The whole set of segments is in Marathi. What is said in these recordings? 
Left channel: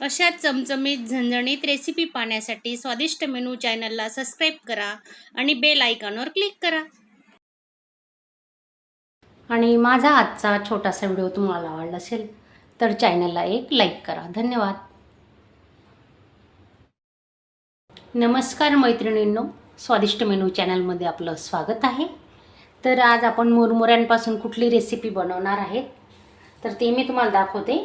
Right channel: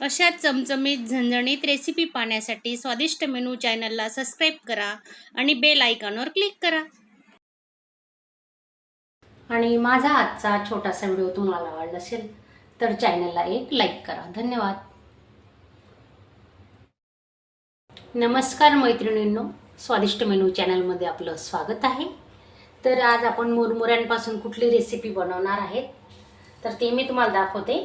अशा चमचमीत झणझणीत रेसिपी पाहण्यासाठी स्वादिष्ट मेनू चॅनलला सबस्क्राईब करा आणि बेल आयकॉनवर क्लिक करा. आणि माझा आजचा छोटासा व्हिडिओ तुम्हाला आवडला असेल तर चॅनलला एक लाईक करा. धन्यवाद. नमस्कार मैत्रिणींनो, स्वादिष्ट मेनू चॅनलमध्ये आपलं स्वागत आहे. तर आज आपण मुरमुऱ्यांपासून कुठली रेसिपी बनवणार आहे तर ते मी तुम्हाला दाखवते.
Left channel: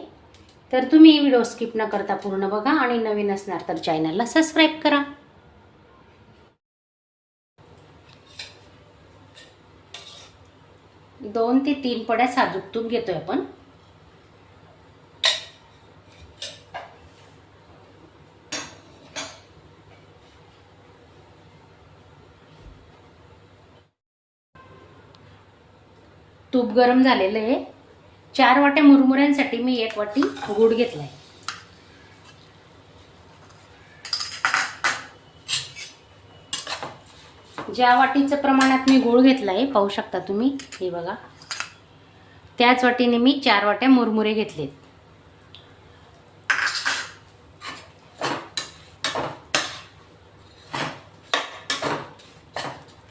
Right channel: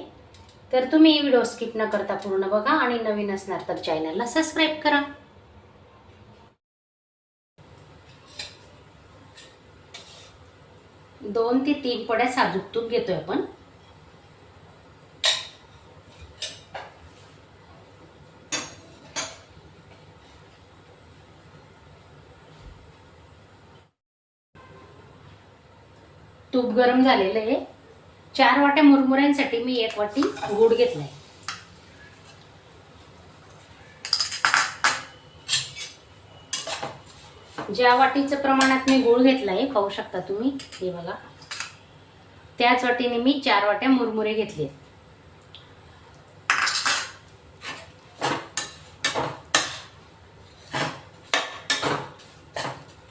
तर तुम्ही व्हिडिओ स्किप न करता पूर्ण बघा आणि नवीन असणार तर चॅनलला सबस्क्राईब करा. दोन ते तीन पड्या साजूक तूप घेतोय आपण. तूप गरम झालेलं आहे. 4 वाट्या मुरमुऱ्यांसाठी मी 1 वाटी गूळ घेतलाय. ज्या वाटीचं प्रमाणात मी गूळ घेतलाय पाहू शकता तुम्ही, हे बघा, त्याच वाटीने मी 4 वाट्या मुरमुरे घेतले.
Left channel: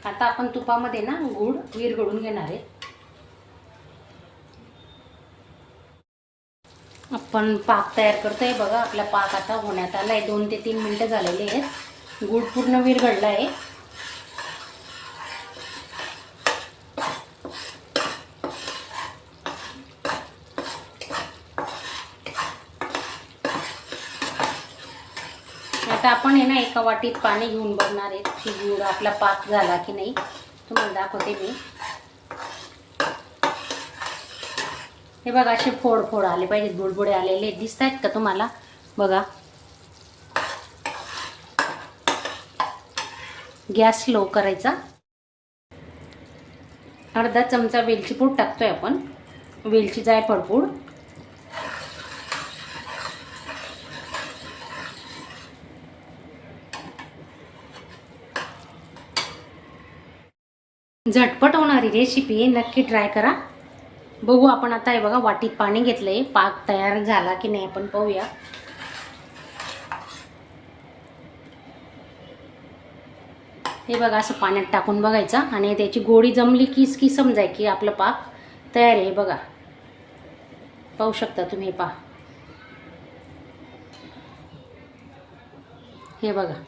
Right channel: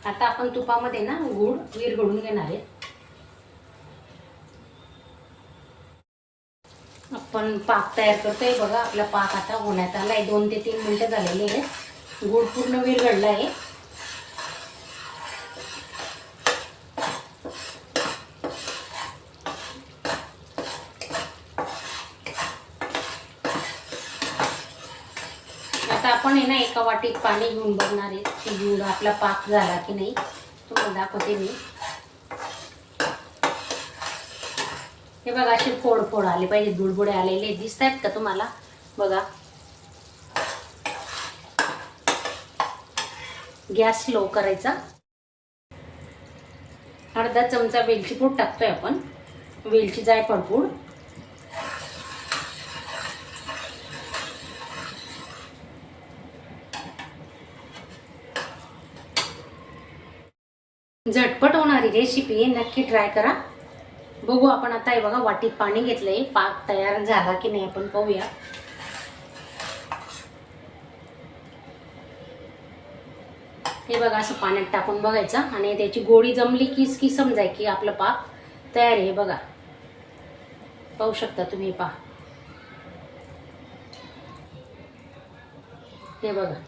आता आपण तुपामध्ये ना गूळ विरघळून घेणार आहे. आपण पाक तयार करतोय बघा. आपला पाक आता होण्यात आलाय. 2 ते 3 मिनिटं झालेली आहेत. गूळ पूर्ण विरघळला आहे. आता आपण आहे ना एका वाटीत पाणी घेऊन बघणार आहे की गूळ आपला पाक झाला की नाही. तुम्हाला दाखवते मी. हे बघा, असे फोड फोड आले पाहिजेत, बुडबुडे आलेले दिसत आहेत का तुम्हाला? बघा. गॅस स्लो करायचा. अर्धा चमचा वेलची पूड टाकतोय आपण. वेलची जायफळ पूड, झटपट होणारी रेसिपी नक्की ट्राय करा. बघू आपण आता. हे बघा, वाटीत पाणी घेतलंय. पाक तयार झाला की नाही आपण पाहूया. हे बघा, असं पाण्यात टाकून बघायचं आणि त्याची गोडी जमली की समजाय की आपलं पाक तयार आहे. बघा, पाहू शकता तुम्ही. पहा, हे बघा,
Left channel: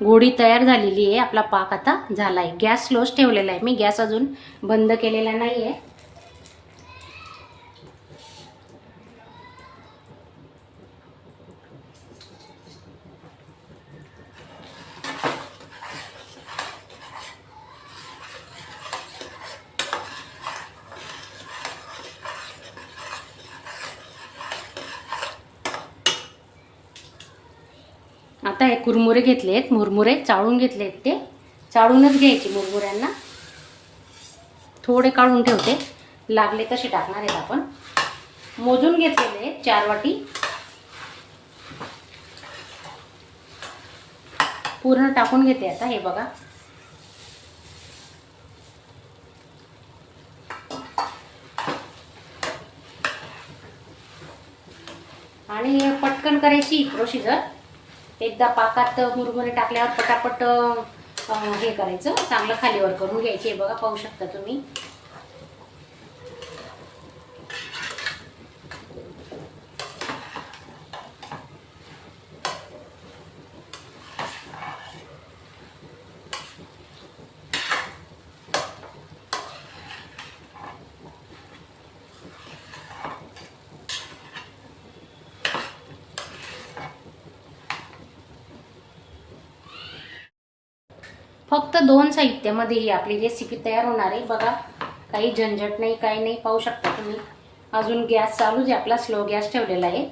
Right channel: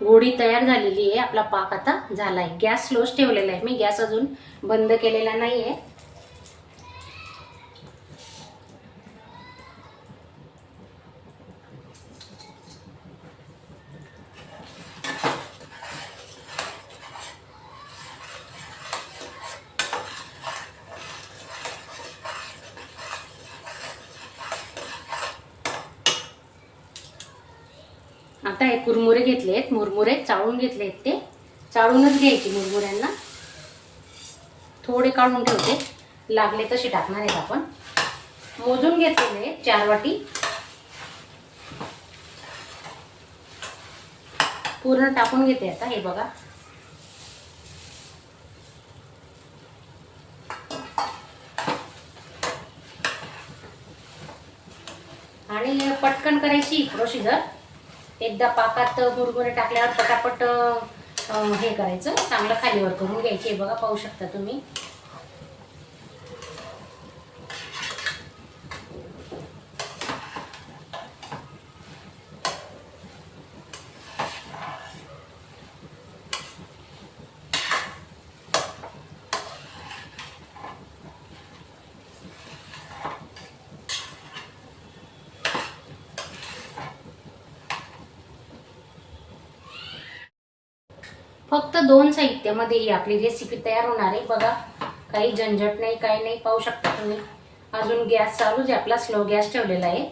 गोडी तयार झालेली आहे. आपला पाक आता झालाय. गॅस स्लोच ठेवलेला आहे मी. गॅस अजून बंद केलेला नाहीये. आता हे कुरमुरे घेतलेत. मुरमुरे चाळून घेतलेत. ते चाळूनच घ्यायचे मुरमुऱ्यांना. थोडे काढून ठेवते, लागले तसे टाकणार आहेत आपण. मोजून घेतलेले 4 वाटी. पूर्ण टाकून घेते आता. हे बघा, आणि पटकन करायची प्रोसिजर. एकदा पाकात मुरमुरे टाकल्यावर पटापट हे करायचं, चांगलं खालीवर करून घ्यायचे. बघा, पाहू शकता तुम्ही. फक्त 2 साहित्यामध्ये ही आपली रेसिपी तयार होणार आहे. बघा, काही झंझट नाही, काही नाही. पाहू शकता तुम्ही. अजून गॅस चालूच आहे आपला. स्लो गॅस ठेवलेला आहे.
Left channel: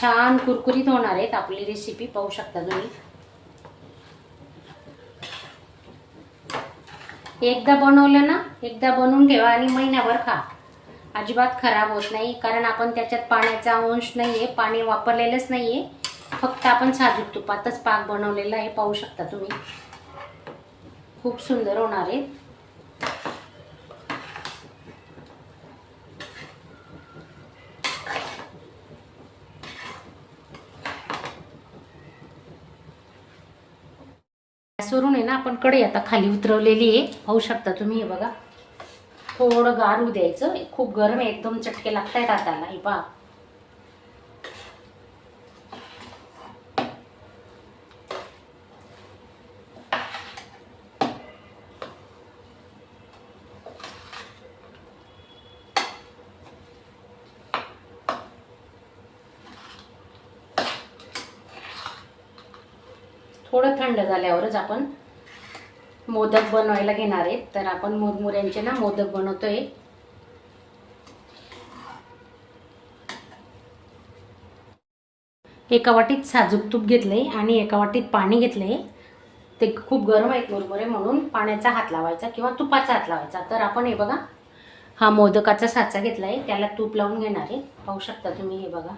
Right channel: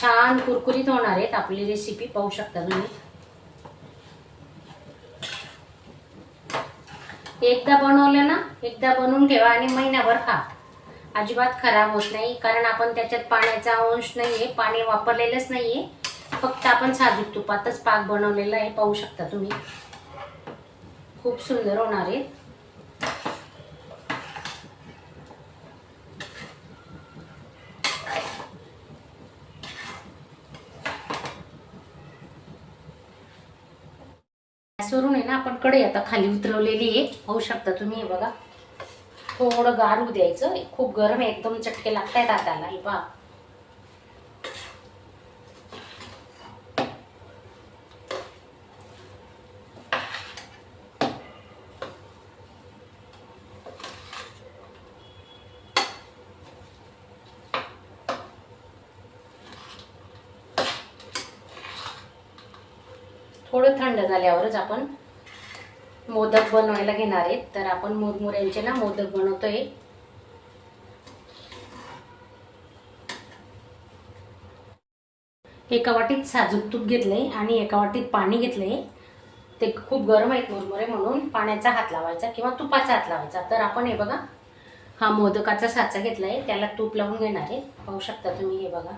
छान कुरकुरीत होणार आहेत आपली रेसिपी. पाहू शकता तुम्ही. एकदा बनवलं ना, एकदा बनवून ठेवा आणि महिनाभर खा. अजिबात खराब होत नाही. कारण आपण त्याच्यात पाण्याचा अंश नाहीये, पाणी वापरलेलंच नाहीये. फक्त आपण साजूक तुपातच पाक बनवलेला आहे. पाहू शकता तुम्ही. खूप सुंदर होणार आहे. गॅसवरून आहे ना आपण कढई आता खाली उतरवलेली आहे, पाहू शकता तुम्ही. हे बघा, थोडं गार होऊ द्यायचं. खूप गरम आहे, एकदम चटके लागतायत हाताला. हे पहा, थोडं थंड झाल्यावरच आपण मोदक बनवायला घेणार आहेत. तर आपण मुरमुऱ्यांचे ना मोदक बनवतोय. एका वाटीत साजूक तूप घेतलंय आणि एका वाटीत पाणी घेतलंय. ते खूप गरम आहेत मुरमुरे, म्हणून पाण्याचा हात लावायचा किंवा तुपाचा हात लावायचा. तर आपण हे बघा, हा मोदकाचा साचा घेतलाय, त्याला तूप लावून घेणार आहे. पाहू शकता तुम्ही. हे बघा,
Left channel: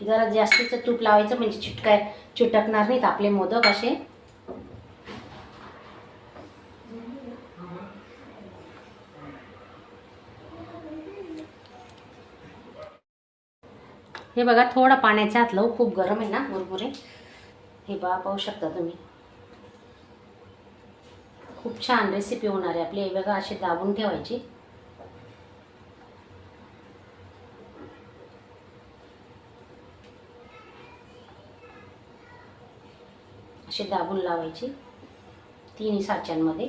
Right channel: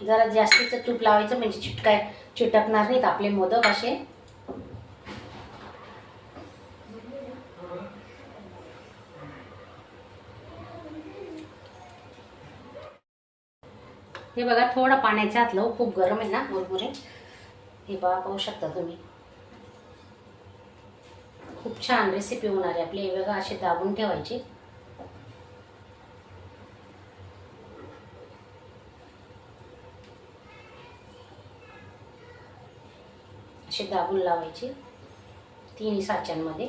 जरा जास्तीचं तूप लावायचं, म्हणजे चिटकणार नाहीत आपले मोदक असे. हे बघा, थोडा पाण्याचा हात लावू, खूप गरम आहे ना मुरमुरे. हे बघा, पाहू शकता तुम्ही. खूप छान रेसिपी होणार आहे आपली. हे बघा, असे दाबून ठेवायचे. असे दाबून लावायचे तिन्ही साच्यांमध्ये.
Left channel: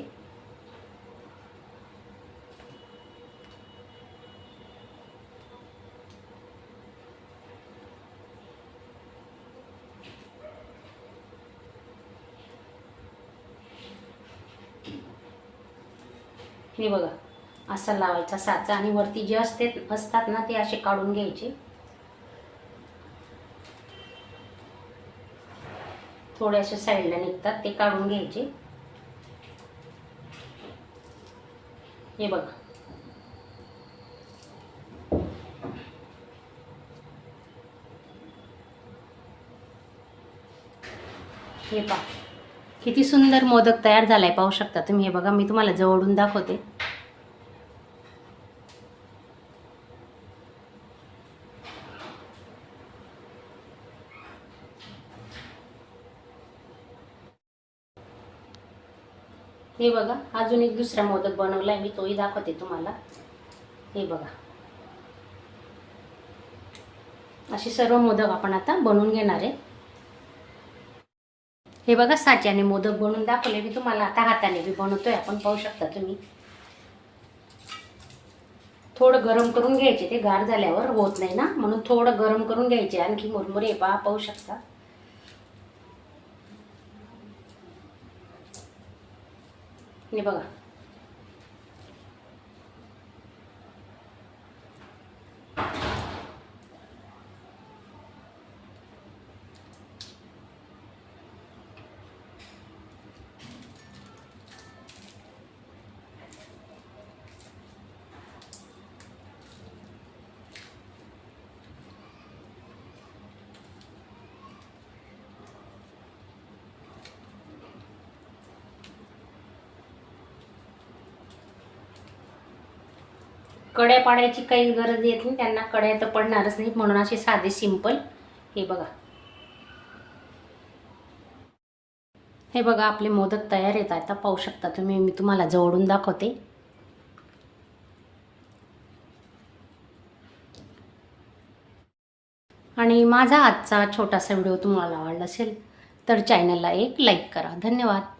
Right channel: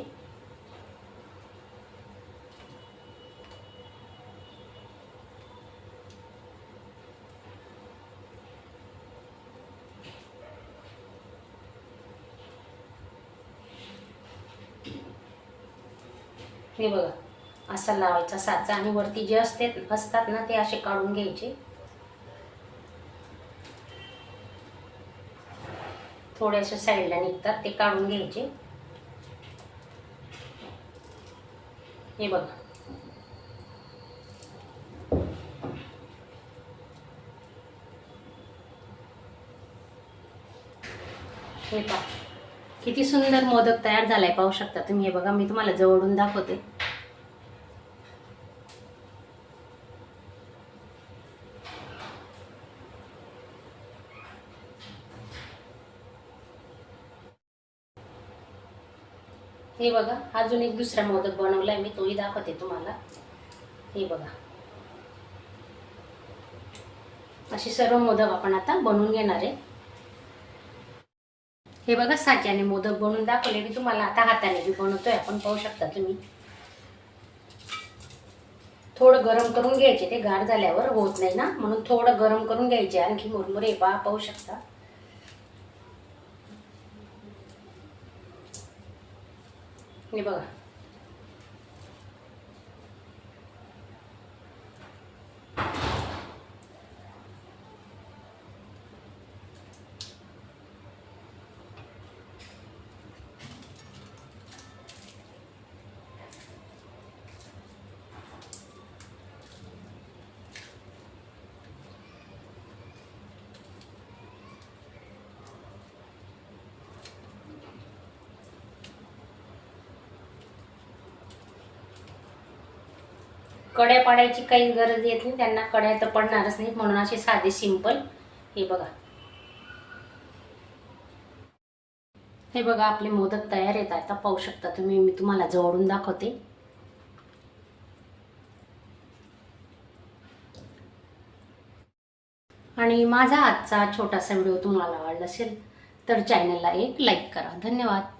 हे बघा, असा लावायचा साचा आणि वरती जे असतात ना ते असे काढून घ्यायचे. थोडेसे साईडला निघतात ते काढून घ्यायचे. हे बघा, हे पहा, किती सुंदर मोदक तयार झालाय, पाहू शकता तुम्ही. हे बघा, मी तुम्हाला जवळून दाखवते. हे बघा, अजून एक दुसरा मोदक बनवलाय मी, तोही दाखवते तुम्हाला. हे बघा, असे सर्व मोदक आपण आता बनवून घेणार आहे. हे बघा, साच्याने मोदक बनवून दाखवले मी तुम्हाला. आता हाताने बी बनवतोय आपण, पाहू शकता तुम्ही. थोडं गरम करून घ्यायचे, ते गार झाल्यावर होत नाही ना, म्हणून थोडं गरम करून घ्यायचे. आणखी मुरमुरे पहा, पाहू शकता. हे बघा, कड्या पाडायची काही गरज येत नाही त्यांना. कड्या तर पडणारच नाहीत, म्हणून असे साधे सिंपल. हे बघा, हे बघा, आपले मोदक तयार आहेत. आता पाहू शकता तुम्ही, मी तुम्हाला जवळून दाखवते. आणि माझा आजचा छोटासा व्हिडिओ तुम्हाला आवडला असेल तर चॅनलला एक लाईक करा. धन्यवाद.